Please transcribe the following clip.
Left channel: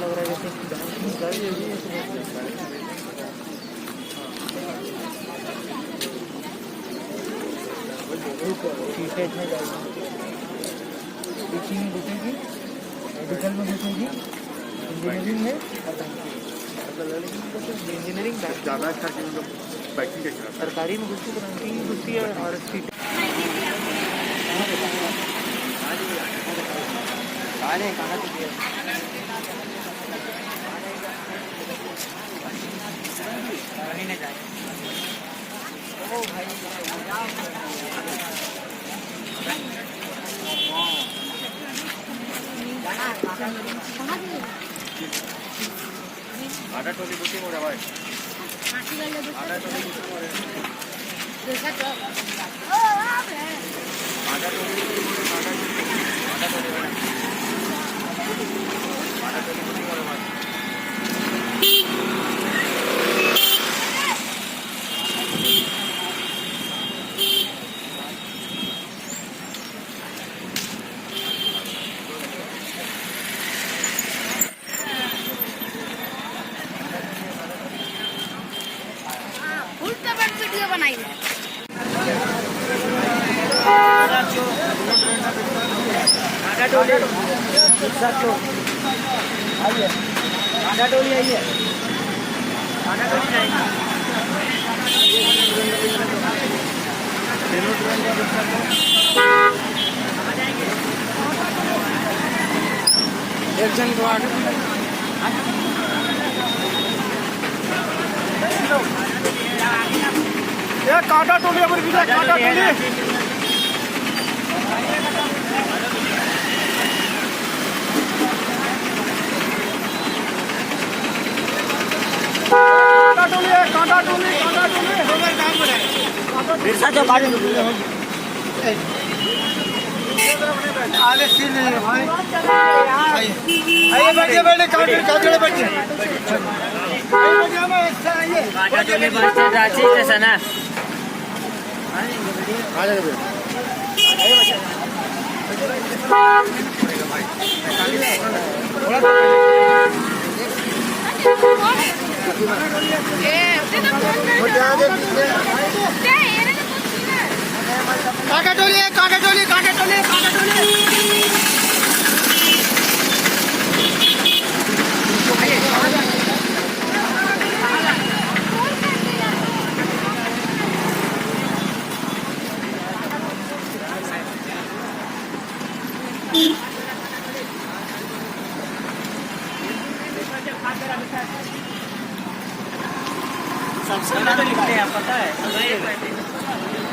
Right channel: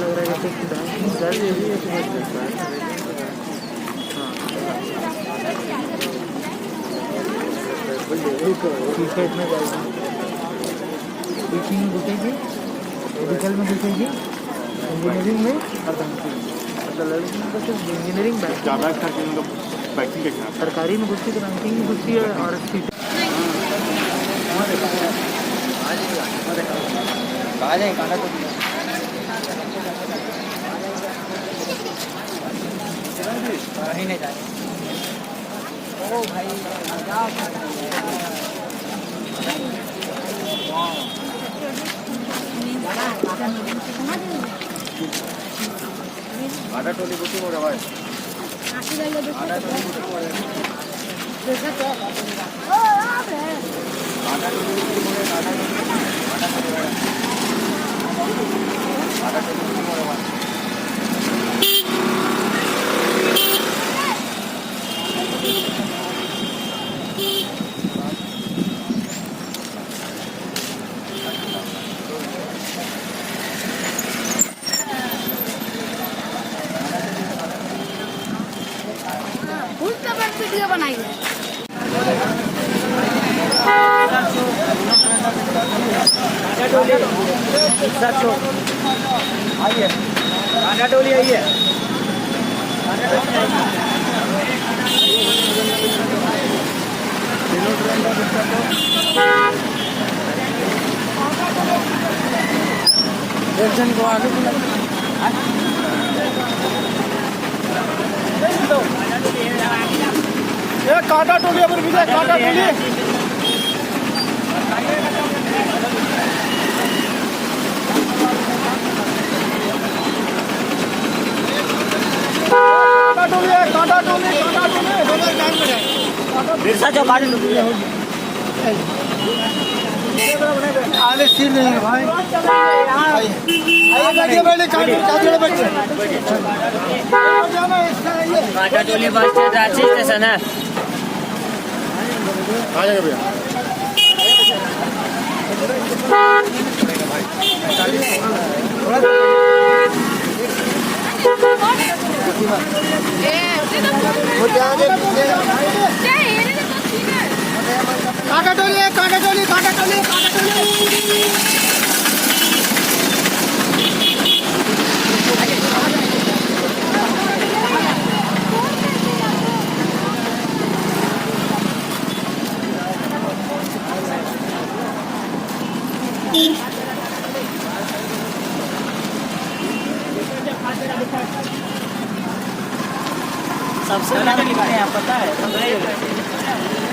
लग रहा है टीचिंग में घुसेगी, मेडिकल में घुसेगी, इंजीनियरिंग में और इंजीनियरिंग सरकारी में घुसती तो बैंकिंग में घुसती है और नहीं जाए ओ भाई आटा टोली बुकी मोड़ा भाई वीडियो बनाई है। आटा टोली आइए, आटा टोली आइए, आटा टोली एक जन को आगे काटा टोली अमर विजय काटा टोली काटा टोली बिरसा जो काटा टोली आले सील नहीं है भाई आइए बैठिए बैठिए काटे बच्चे काटा टोली बच्चे जाची स्टेशन है आ जाओ भैया काटा टोली काटा टोली काटा टोली काटा टोली सबसे पहले लिखते हैं पता है